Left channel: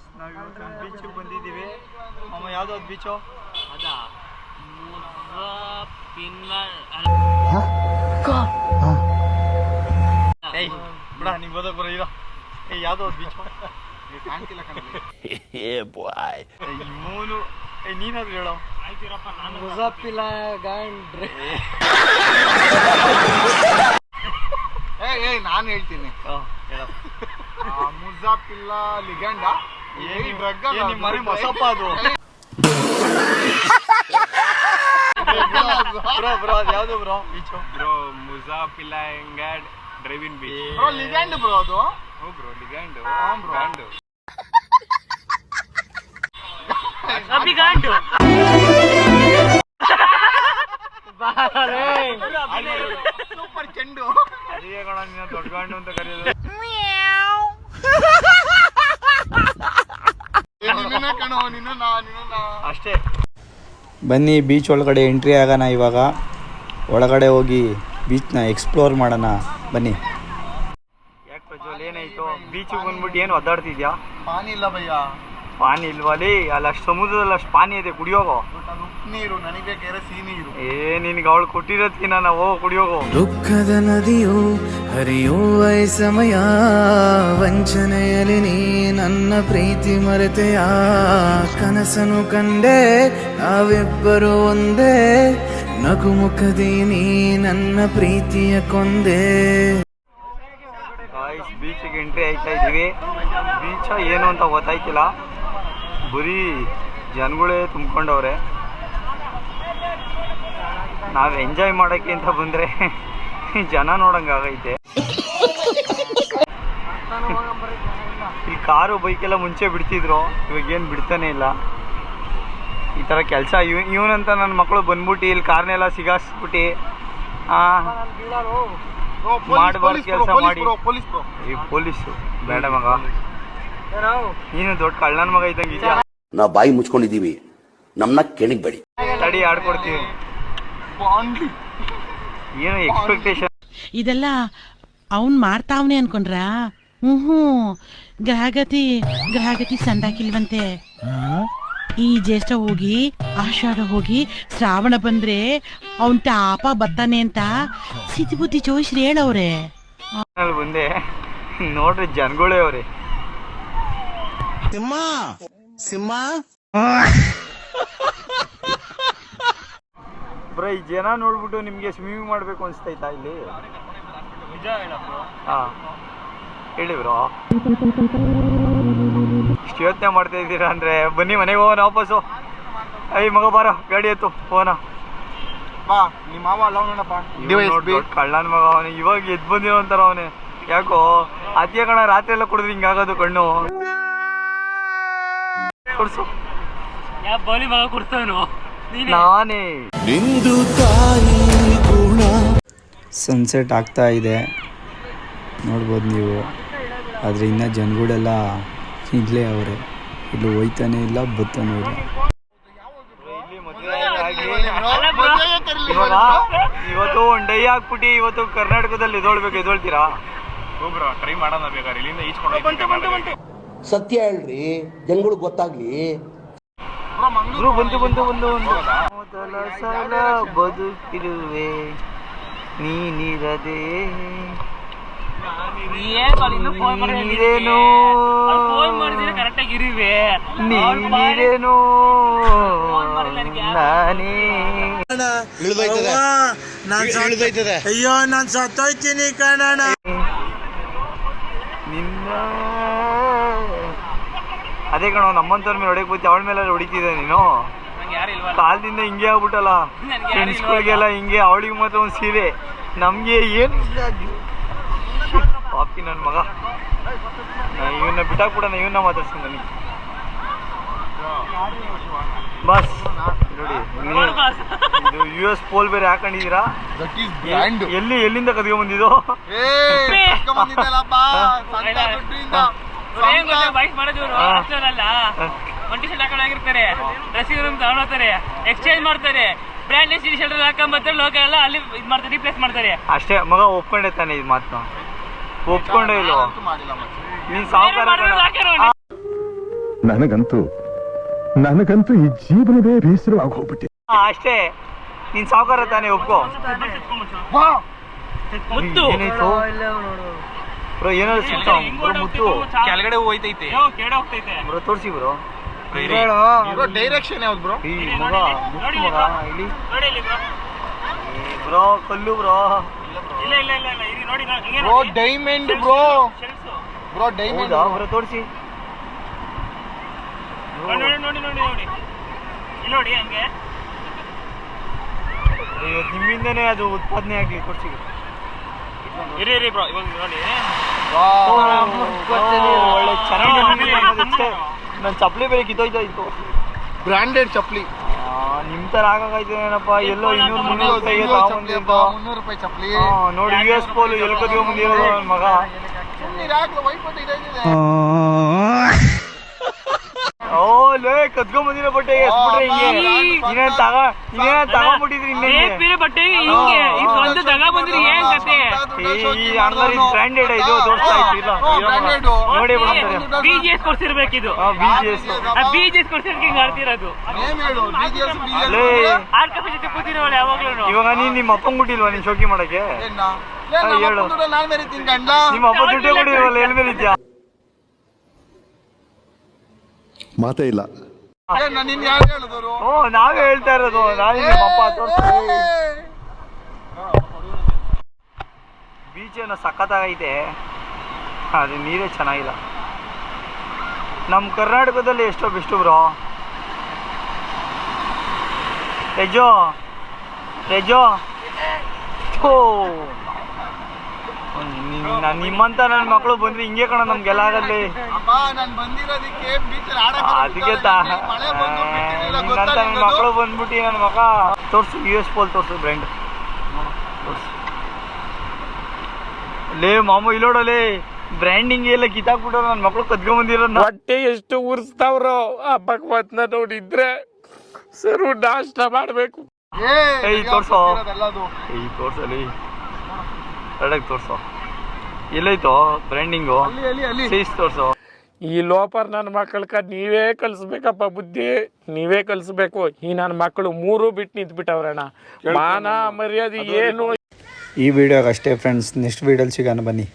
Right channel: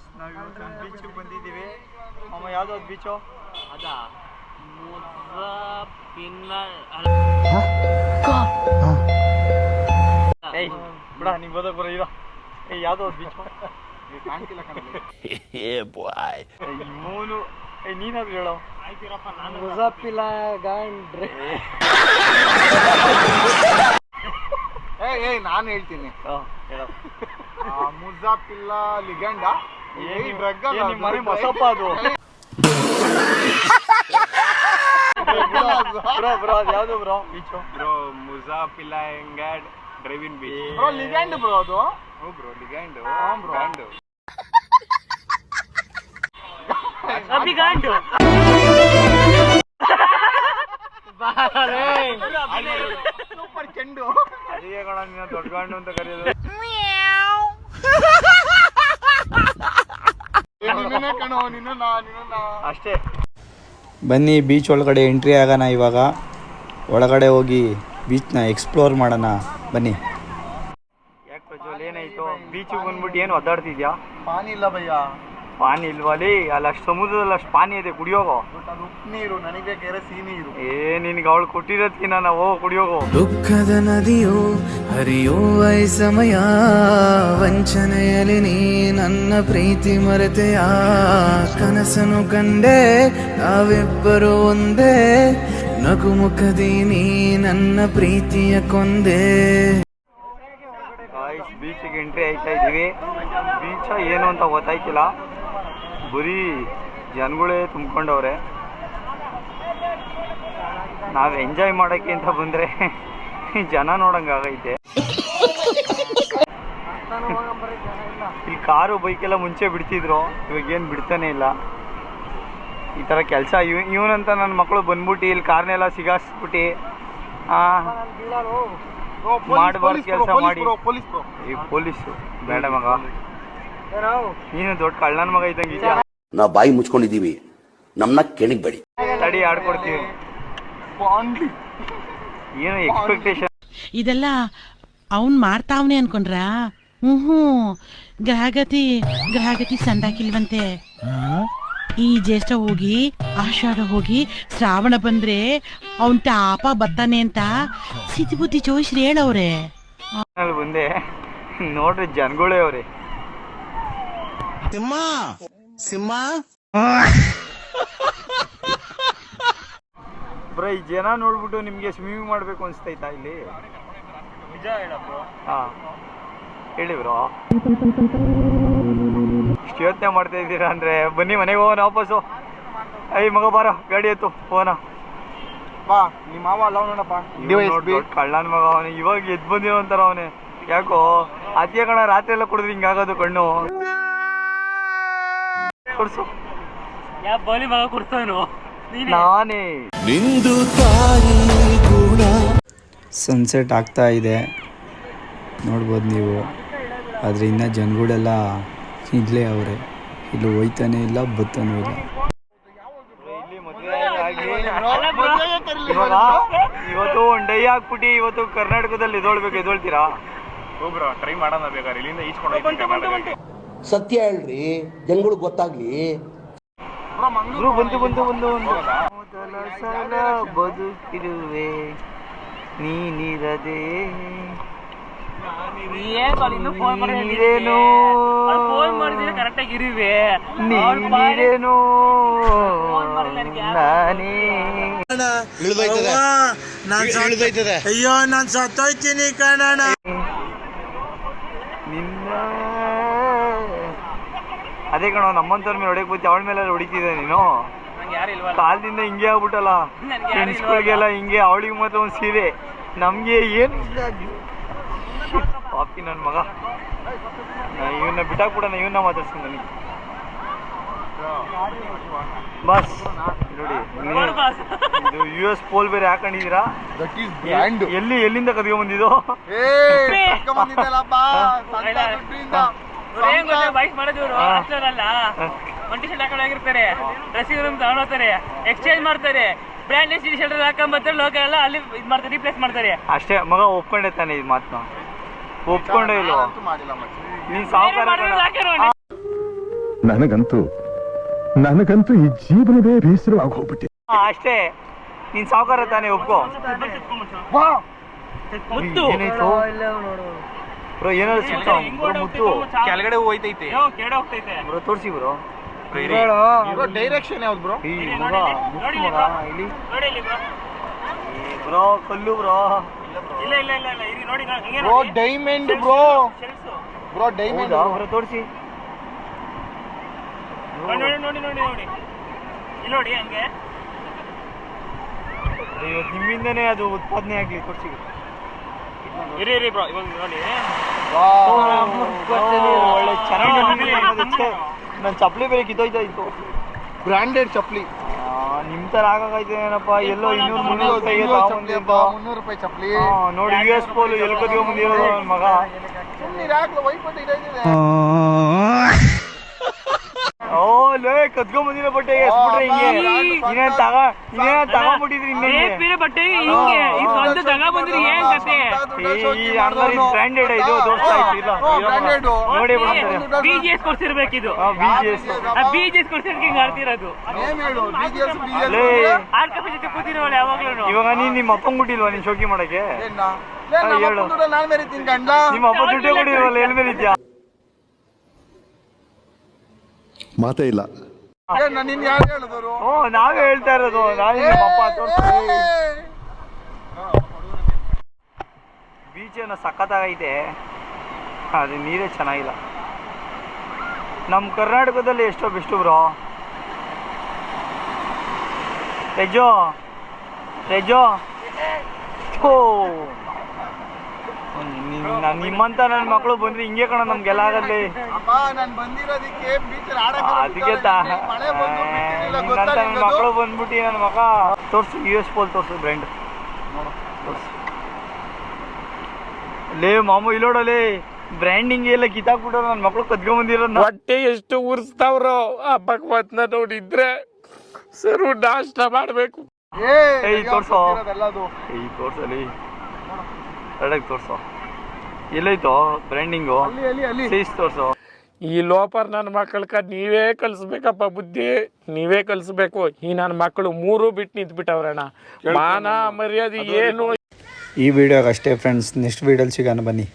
Guys ನಾವಿವತ್ತು ಬೀಚಿಗೆ ಬಂದಿದ್ದೀವಿ. ಅಮ್ಮ ಯಾವುದೋ ಅದು ಬೀಚು ಅದಾ ಏಯ್ ಬಿಡ ನೀವು ಓದೋಕೆ ಬರೋ ಇರೋ. ಏಯ್ ಯಾವುದೋ ಅದು ಬೀಚು ಕಾಣ್ತಿಲ್ಲ ಇವನು. ಏಯ್ ನೀನಾದ್ರು ಹೇಳೋ. ಮುಜಾಪಿಲ್ಲ ಗಾಂಡ್ರೆ. ಏಯ್ ನಾನು ಹೇಳ್ತೀನಿ. ಹೇಳೋ. ಮುಜಾಪಿಲ್ಲ ಲಿಗ್ಯಾಂಡ ನಿಮ್ಮ ಮನೆ ಮೊಸಪ್ಪ ಅದು. ಬ್ರೋ ಅದು ಯಾವುದು ಬ್ರೋ ಬೀಚು? ಬ್ರೋ ಮುಜಾಪಿಲ್ಲ ಎಂಗಾಡ್ driving beach. Bro legend bro ಅದು. ಹ್ಞೂ ಬ್ರೋ ಲಿಗ್ಯಾಂಡ್. ಬ್ರೋ ಅಭಿಗಾಂಡು ಸೂಪರ್ ಚೆಂಡು. ಅದೇ ಕಣ ನೀನು ದೊಡ್ಡ ಗಂಡು ಅಂತ ಕರೆಯೋದು. ಅಷ್ಟೇ. ಬನ್ನಿ ಬೀಚ್ ಒಳಗಡೆ ಎಂಟ್ರಿ ಆಗೋಣ. ಇವಾಗ ಒಳಗಡೆ ಹೋಗಿ ಬೀಚ್ನ ಎಕ್ಸ್ಪ್ಲೋರ್ ಮಾಡೋಣ ಬನ್ನಿ. ಯಾಕೆ ಪ್ರಜ್ವಲ್ ಏನಾಯ್ತು? ಬೀಚಿಗೆ ಬಂದ್ಬಿಟ್ಟು ಏನು ಒದ್ದಾಡ್ತಿದ್ಯಾ? ಪಾನಿ ಇಲ್ಲ ಭಯ್ಯ. ಪಾನಿ ಇಲ್ವಲ್ಲಿ? ಅಲ್ಲಿ ಅಷ್ಟು ಸಮುದ್ರದಲ್ಲಿ ಅಷ್ಟು ಪಾನಿ ಇದೆ, ಕುಡಿಯೋಗೋ. ಅದು ಉಪ್ಪು ನೀರು, ನನಗೆ ಬೇಕಾದ್ರೆ ಸಿಹಿ ನೀರು. ನಿನ್ಗೆ ಅವಳು ಕೊಟ್ಟಿರೋದ್ಕಿನ್ನ ನಾವು ಕುಡಿಯೋಗೋ. ದುಃಖದ ನದಿಯು ಹರಿಯುವ ಸಮಯ, ವಂಚನೆಯಲ್ಲಿ ನೀ ನನ್ನ ಪ್ರೀತಿ ಮರೆತೆಯ, ಕನಸನು ಕಂಡೆ ನಾವಿಬ್ಬರು ಒಂದೇ, ನಗುಮುಖದಿ ನೀ ನನ್ನ ಪ್ರೀತಿಯ ಕೊಂದೆ. ಬೀಚಿಗೆ ಎಂಟ್ರಿ ಆಯ್ತಾ ಇದ್ದೀವಿ. ಬೀಚ ಏನು ಅಂತ ಗೊತ್ತಾಯ್ತಿಲ್ಲ, ಬರೀ ಜನಗಳೇ ತುಂಬ್ಕೊಂಡವ್ರೆ. ನಾವು ಎಂಜಾಯ್ ಮಾಡೋಕ್ಕೆ ಅಂತ ಬಂದರೆ ಜನ ನೋಡಂಗಾಗೈತೆ. ಇಲ್ಲಿ ಕಾರು ಬೈಕೆಲ್ಲ ಮುಂಚೆ ಬಿಡ್ತಿದ್ರು, ಇವಾಗೇನು ಬಿಡ್ತಾನೆ ಇಲ್ಲ. ಈ ಥರ ಕೆಲಸ ಇವನಂತ ನನ್ನ ಮಕ್ಕಳು ಬಂದ್ಬಿಟ್ಟು ಇಲ್ಲಿ ಕಾರ್ನೆಲ್ಲ ಸಿಗಾಸ್ಬಿಟ್ಟು ಮಾಡಬಾರ್ದು ಕೆಲಸ ಮಾಡಿ. ಈ ಪೊಲೀಸು ಬೇಡ ಮಗ, ನೀನು ದೊಡ್ಡ ಕಳ್ಳನ ಮಗ ಇದ್ದಂಗೆ ಇದೆಯಾ? ನಾವು ಬಾಯಿ ಮುಚ್ಕೊಂಡಿದ್ದೀವಿ, ನಮ್ಮನ್ನ ಕೆಣಗಬೇಡಿ. ತಡಿ ಆಡ್ಕೊಡ್ತೀವಿ. ಏನು ಎಕ್ಸ್ಪೆಕ್ಟೇಷನ್ ಇದೆಲ್ಲ ಅವನ್ ಮಾಡ್ತಾವನೆ ಅನ್ಕೊಂಡ್ರ? ಗ್ರಹಗತಿ ಸಂದಾಕಿಲ್ವಂತೆ. ಈ ಜ್ಯೇಷ್ಠ ಹೋಗಿ ಆಷಾಢ ಹೋಗಿ ಶ್ರಾವಣ ಬಂದ್ರೆ ಅವನ್ ಟಾಪ ಬತ್ತಾನೆ ಅಂತ ಸಿದ್ಧಿ ಬುದ್ಧಿ ಜೋಯಿಸ್ರಿ ಹೇಳವ್ರೆ. ಬಂದೆ ನೋಡ್ರಿ ಜನಗಳೇ ಅವ್ರೆ. ಬ್ರೋ ಈ ಜನ ನೋಡ್ಬಿಟ್ಟು ನಿಮ್ಗೆ ಸ್ವಿಮ್ಮಿಂಗ್ ಮಾಡ್ಬೇಕು ಅನ್ಸ್ತೈತಾ ಇಲ್ಲಿ? ನಿಜ ಹೇಳಪ್ಪ. ಹೇಳಿ ಬ್ರೋ, ಇಷ್ಟು ಯೋಚನೆ ಮಾಡ್ತಾ ಇದ್ದೀರಾ ಅಂದ್ರೆ ಬನ್ನಿ ಮನೆಗೆ ಹೋಗೋಣ ವಾಪಸ್ಸು. ಐ ಮಗ ಬಾರ ಗಾಡಿ ಎತ್ತು ಹೋಗೋಣ. ನಿಮ್ಮ ಮಾವ ಅಲ್ಲ ನೋಡಪ್ಪ, ಕಳ್ಳನ ಮಗ ಅವನು. ಇವಾಗ ಎದ್ದು ಬಂದಿರೋ ಅಂತಾರ ಅವನೇ. ಯಾಕೋ ಅತಿಯ ಕಣ, ರಾತ್ರಿ ಎಲ್ಲ ಕುಡಿದ್ರೆ ಹಿಂಗಾಗೋದು ಕಣ್ಣು. ಕೊಡ್ಸು. ಯಾ ಬೋಲಿ ಮಗ ಕೊಡ್ತಾನು ನಾನೇ. ನಿಂದು ತಾಯಿ ಗುಣ. ಸನ್ಸೆಟ್ ಆಗ್ತಾ ಇದೆ ನೋಡ್ಬೋದು ನೀವು. ಆದರೆ ಇನ್ನು ಜನಗಳೆಲ್ಲ ಇಲ್ಲೇ ಅವರೇ, ಇಲ್ಲಿ ಹೋಯ್ತಾನೆ ಇಲ್ಲ ಬತ್ತಾನೂ ಇಲ್ಲ. ಇವತ್ತು ಒಂದು ಡೈ ಹಾಕ್ಬಿಟ್ಟು ಇವತ್ತು ಕರ್ನಾಟಕದಲ್ಲಿ ಎದೊಳ್ತೀರಾ? ಹೋಗ್ರ ಟ್ರೈ ಮಾಡೋಣ ಬೇಕಾದ್ರೆ, ಇಲ್ಲಿಂದ ಈಚ್ಕೊಂಡು ಸತ್ಯ ಹೇಳ್ರಿ, ಜನಗಳಿಗೆ ಗೊತ್ತಾಗ್ಲಿ. ಬಂದು ಮೊದಲ ಸಲ ಬದುಕಿರುವೆ ನೀನಿರದೆ ನೀರೇನೋ ನೀರೇನೋ ನಾನೇ. ಅಯ್ಯೋ ನಾನ್ ಸತ್ತೋಯ್ತೀನಿ ಕಣಣ್ಣ. ನಿನ್ನ ಅದೇ ಕಣ ನಮ್ಮಂತವ್ರ ಮೇಲೆ ಹೊಡೆಯಕ್ ಹೋಗ್ತಿ, ಅವಳ ಮೇಲೆ ಹೊಡಿತಿದ್ದೆ ನೀನು. ಕಾಲದಿಂದ ಹಿಂಗೆ ಆಗ್ಬಿಟ್ಟಲ್ಲ, ಫ್ರೆಂಡ್ಸ್ಗಳಿಗೆಲ್ಲ ಹಿಂಗೆ. ಅವಳಿಗೆ ಮಾತ್ರ ಒಂದು ಸೀರೆ, ನಮ್ಗೆ ಏನು ಪಾಪಿ ನನ್ನ ಮಗ. ಇವನ್ನ ಬಿಟ್ಟಾಕ್ಬಿಡೋಣ, ಇವನ್ನ ಮಾತಾಡ್ತೀನಿ ನನಗೆ. ಬಸ್ ನೋಡಿ, ಇದು US ಪೋಲ್ ಬೇರೆ ಹಾಕೊಂಡಿದ್ದೀರಾ. ಎಲ್ಲಿಂದ ಕದ್ಕೊಂಡ್ ಬಂದಿದ್ದು? ಡ್ರೆಸ್ಸಿಂಗ್ ರೂಮ್ ತಗೊಂಡೋಗ್ತಾರೆ, ಎಕ್ಸ್ಚೇಂಜ್ ಮಾಡ್ತಾರೆ, ಬ್ರ್ಯಾಂಡೆಡ್ ಶರ್ಟ್ ಹಾಕೊಂಡ್ಬರ್ತಾರೆ, ಲೋಕಲ್ ಎಲ್ಲ ಅಲ್ಲಿ ಇದು ಮಾಡ್ತಾರೆ, ರಿಪ್ಲೇಸ್ ಮಾಡ್ತಾರೆ. ಅಷ್ಟೇ ಮಗ, ಒಪ್ಕೊಂಡೆ ತಾನೆ ಇದು ಮಾತನ್ನ? ಒಪ್ಕೊಂಡೇ ಇಲ್ವೋ ನೀನ್? ಸಾವುಕಾರ ನನಗಂತೂ ಈ ಜೀವನವೇ ಬೇಸರವಾಗಿ ಹೋಗ್ಬಿಟ್ಟೆ. ಅಷ್ಟೇ, ನೀನ್ ಸಾವುಕಾರ ತಾನೇ, ಒಪ್ಕೋ. ಮುತ್ತು ಏನಾಯ್ತು ಬ್ರೋ? ಏನಾದ್ರು ಸಿಗ್ತಾವ ಮುತ್ತು? ಕೆಳಗಡೆ ಹೋಯ್ತೈತೆ. ಕೆಳಗಡೆ ಹೋಗ್ತೈತೆ ಬ್ರೋ ತೋರಿಸಿ ಬ್ರೋ. ಡೈರೆಕ್ಷನ್ ಯಾವ್ದು ಬ್ರೋ? ಈ ಮಗ ಮುತ್ತು ಮಗ ಇಲ್ಲಿ ನೋಡಿ ಇಲ್ಲಿ ಬ್ರೋ. ಬ್ರೋ ಕಲ್ಲು ಬ್ರೋ. ಇಲ್ಲ ಇಲ್ಲ ಇಲ್ಲ ಇಲ್ಲ ಇದು ನೋಡಿ ಹಿಂಗೆ bro diamond bro. Cells. Bro diamond bro ತೋರಿಸಿ. ನೋಡಿ ನೋಡಿ ನೋಡಿ ನೋಡಿ ನೋಡಿ ಇಲ್ಲಿ ನೋಡಿ ಹಂಗೆ. ಇವತ್ತು ನಿಮ್ಮಿಂದನೇ ಅದು ಉತ್ಪಾದನೆ ಆಗ್ಲಿ ಕೊಡ್ಸಿ. ಇರಿ ಇರಿ ಬ್ರೋ, ಇವಾಗ ನೋಡಿ ಒಳ್ಳೆ ಚೆನ್ನಾಗಿ ನನ್ನ ಚಪ್ಪಲಿ ಬೇರೆ ಕಿತ್ತೋಯ್ತಾ ಇತ್ತು. ಬ್ರಾಂಡೆಡ್ ಚಪ್ಪಲಿ. ನಿಮ್ ತರ ಆಗಾಗೈತೇನಪ್ಪ. ಎಲ್ಲೋ 200-300 ರೂಪಾಯಿಗೆ 300 ರೂಪಾಯಿ ಚಪ್ಪಲಿ. ನೋಡಿ US ಪೋಲು ಎಲ್ಲಿ ಕದಿಯೋ ಮುಂದೆ ಇರೋದು ನನ್ನ ಮಗ. ಓ ಲೇ ಕದ್ಕೊಂಡ್ ಬಂದಿರೋ ಬಟ್ಟೆ ಎಸ್ಬಿಟ್ರೆ ಹಿಂಗೆ. ಇನ್ನೇನ್ ತಗೊಂಡ್ಬಿಟ್ಟಿದ್ರಿ ಇನ್ನೇ ಬೇರೆ ಬಟ್ಟೆ ಹಿಂಗೆ ಈ ಸ್ವಂತ ತಗ ಬಂದ್ರಿ ಏನ್ ಕತೆ? ಈ ಅಂಗಡಿ ಬ್ರಾಂಡೆಡ್ ಇದು ತೋರಿಸ್ತಾ ಇತ್ತು. ಇಲ್ಲ ನೋಡಿ BGS ಕೊಡ್ಸಿರ್ಬೇಕಿದು. BGS BGS ಕೊಡ್ಸಿರ್ಬೇಕು ಹಿಂಗ್ ಆಡ್ತಿರೋದು. ಆರ್ ಕಫೆ ಜೊತೆ ಕೂತಿರೋಳು ಯಾವಾಗ್ಲೂ. ಇವಾಗ ನೀನ್ ನಿಮ್ಮ ಅಪ್ಪಂಗ್ ಬಿಟ್ಟಿಲ್ವಾ ನೀನ್ ಶೋಕಿ ಮಾಡಕ್ಕೆ? ಹೇಳು, ನಿಮ್ಮ ಅಪ್ಪ ದುಡ್ಡೇ ಕೊಡಿಲ್ವಲ್ಲ, ಎಲ್ ಮೇಲೆ ಇದ್ಯಾ? ಮಾತೇ ಇಲ್ಲ. ಓ ನಾವೇ ಹೇಳ್ತಾ ಇರೋದು. ನಾನು ನಿಮ್ಮ ಅಪ್ಪ ತೋರಿಸ್ತೀನಿ. ಬೀಚ್ ಏನೋ ಸಖತ್ತಾಗೈತೆ, ಅದು ನೀರೇ ಚೆನ್ನಾಗಿಲ್ಲ. ನಮ್ಮ ಕರ್ನಾಟಕದಲ್ಲಿ ಎಷ್ಟೋ ಬೆಸ್ಟು ಬ್ರೋ. ರೆಜೋ ಓ ನಿಮ್ಮಂತ ನನ್ನ ಮಕ್ಕಳು ಬಂದ್ರೆ ಹಿಂಗೆ ಕಣ ನಮ್ಗೆಲ್ಲ ಆಗಲ್ಲಿ. ಅದಕ್ಕೆ ನನ್ನ ಮಕ್ಕಳು ಬಂದ್ಬಿಟ್ಟು ನನ್ನ ಮಗ ತೋರ್ಸು. US ಪೋಲ್ ತೋರ್ಸು ಬ್ರ್ಯಾಂಡ್ ತೋರ್ಸು. ಲೇ ಮಾಮೂ ಇಲ್ಲೋಡಲೇ ಬ್ರ್ಯಾಂಡಿಂಗ್ ಎಲ್ಲ ಕಿತ್ತಾಕ್ಬಿಟ್ಟು ನನ್ನ ಮಕ್ಕಳು ಕದ್ಕೊಂಡ್ಬಂದಿರೋದು. ಹೊಟ್ಟೆ ಎಷ್ಟು ಉರ್ಸ್ತಾವ್ರೋ ಆ ಭಗವತ್ನ ನೋಡಿದ್ರೆ ಸರು ನಾಷ್ಟ ಮಾಡ್ಬೇಕು. ತೋರ್ಸೋ ತೋರ್ಸಲಿ ಕರೆಕ್ಟಾಗಿ ತೋರ್ಸೋ. ಎಲ್ಲೈತೋ ಬ್ರ್ಯಾಂಡಿಂಗು? ಸೈಜ್ ತೋರ್ಸೋ. ಈ ಲೋಪರ್ ನನ್ನ ಮಕ್ಕಳ್ಕ ನೀವೇ ಕಲಿಸ್ಬೇಕಪ್ಪ ಬುದ್ಧಿ, ನೀವೇ ಕಲಿಸ್ಬೇಕು. ಈ ನನ್ನ ಮಕ್ಕಳು 3 ಬಿಟ್ಟು ನಿಂತ್ಬಿಟ್ಟವ್ರಣ್ಣ. ಮಾನ ಮರ್ಯಾದೆ ಏನು. ಈ ವಿಡಿಯೋಗೆ ಅಷ್ಟೇ ಫ್ರೆಂಡ್ಸ್. ನೆಕ್ಸ್ಟ್ ವಿಡಿಯೋಲಿ ಸಿಗೋಣ ಬನ್ನಿ.